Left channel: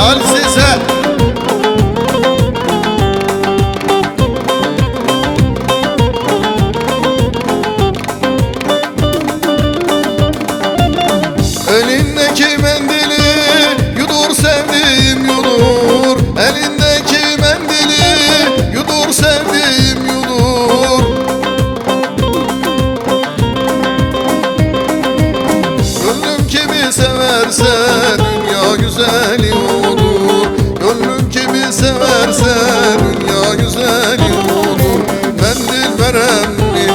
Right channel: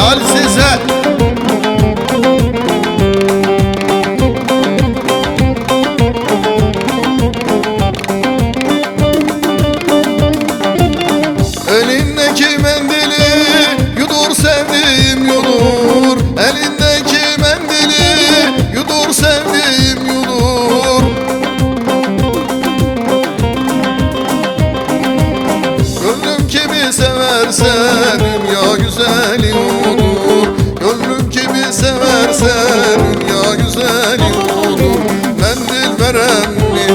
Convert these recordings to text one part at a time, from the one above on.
Helal size. Elindeki mendili yudur sevdiğim yudur. Elindeki mendili yudur sevdiğim yudur. Gönlüm kimi severse dünya güzeli olur. Gönlüm kimi severse dünya güzeli olur. Mendil veren mi?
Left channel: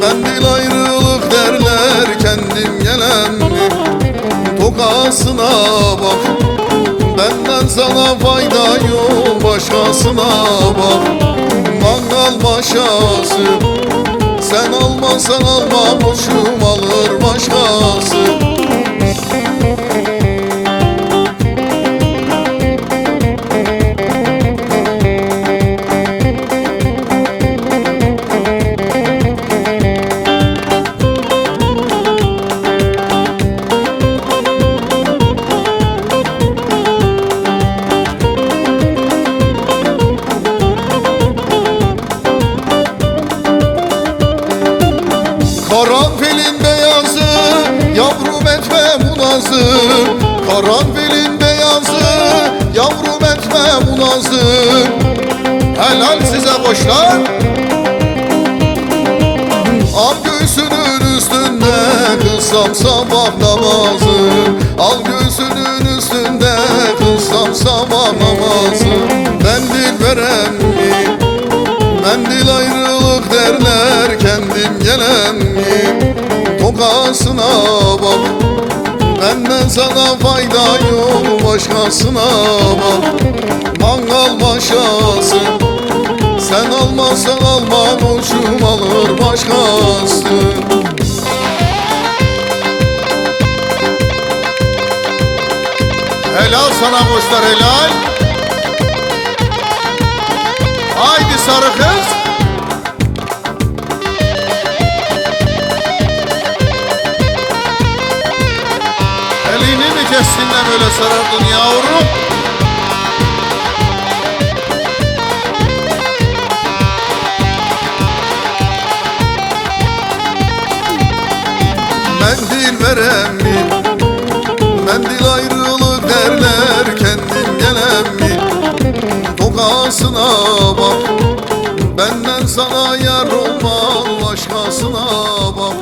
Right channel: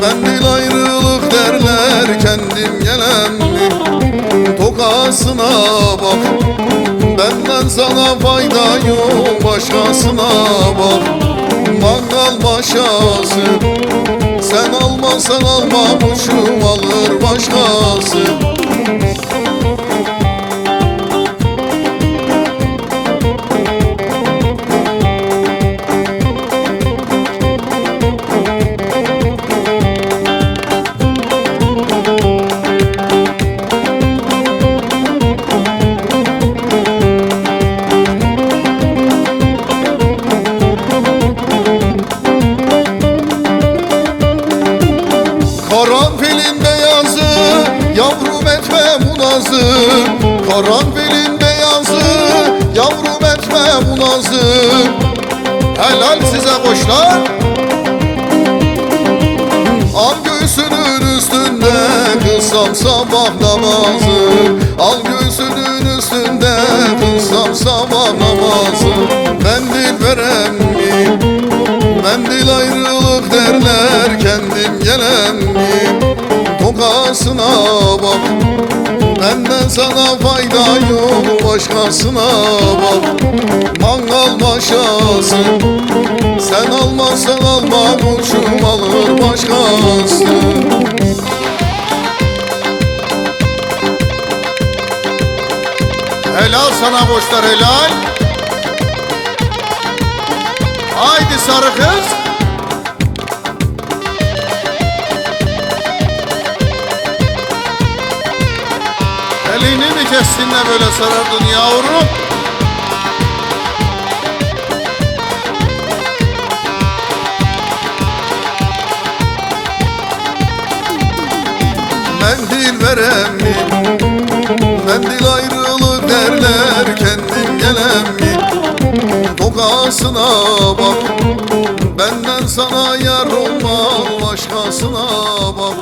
Mendil ayrılık derler, kendim gelen mi? Tokasına bak, benden sana fayda yok, başkasına bak. Mangal başkası, sen almazsan almamışım, alır başkası. Karanfilin beyazı, yavrum etme bunazı. Karanfilin beyazı, yavrum etme bunazı. Helal size boşlar. Al göğsünün üstünde kılsam sabah namazı. Al göğsünün üstünde kılsam sabah namazı. Mendil veren mi? Mendil ayrılık derler, kendim gelen mi? Tokasına bak, benden sana fayda yok, başkasına bak. Mangal başkası, sen olmazsan almamışım, alır başkası. Helal sana boşlar, helal. Haydi sarı kız. Elini mi kessinler öyle sarıldın yavrum? Mendil veren mi? Mendil ayrılık derler, kendim gelen mi? Tokasına bak, benden sana yar olmaz, başkasına bak.